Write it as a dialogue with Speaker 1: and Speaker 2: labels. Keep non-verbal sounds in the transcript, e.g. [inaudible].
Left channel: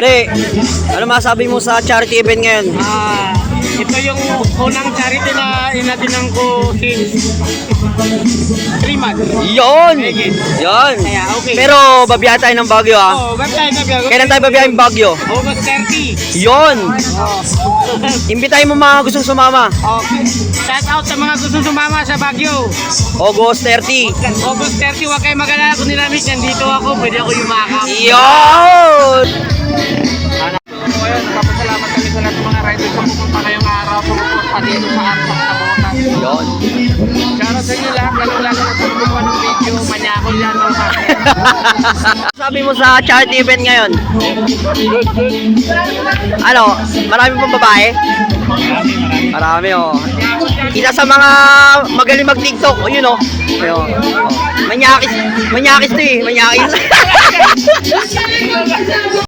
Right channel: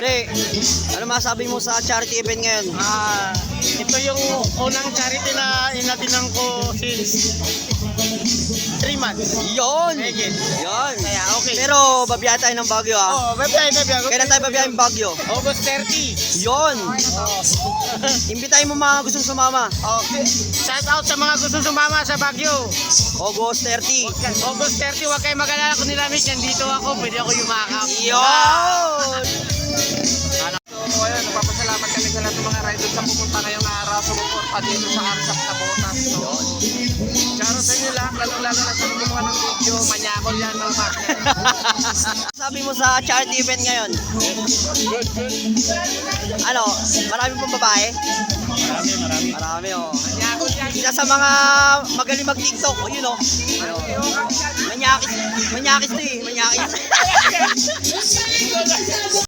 Speaker 1: Pre, ano masabi mo sa charity event ngayon?
Speaker 2: Ah, ito yung unang charity na inatinan ko since 3 months.
Speaker 1: Yon!
Speaker 2: Sige.
Speaker 1: Yon!
Speaker 2: Kaya, okay.
Speaker 1: Pero babiyahe tayo ng Baguio ah.
Speaker 2: Oh, gabay na biyago.
Speaker 1: Kailan tayo babiyahe ng Baguio?
Speaker 2: August 30.
Speaker 1: Yon!
Speaker 2: Oh.
Speaker 1: Imbitahin mo mga gustong sumama.
Speaker 2: okay. Shout out sa mga gustong sumama sa Baguio.
Speaker 1: August 30.
Speaker 2: August 30, huwag kayo mag-alala kung nilamit. Nandito ako, pwede ako yumakap.
Speaker 1: Yon!
Speaker 2: Sa lahat ng mga riders sa pumunta ngayong araw, pumunta dito sa Arsak sa Botas. Shoutout sa inyo lahat, lalo-lalo na sa gumawa ng video, manyakol yan mga.
Speaker 1: Sabi mo sa charity event ngayon? Ano, marami pang babae? Marami oh. Isa sa mga magaling mag-TikTok, oh, yun oh. Ayun. Oh. Manyakis, manyakis to eh, manyakis. [laughs]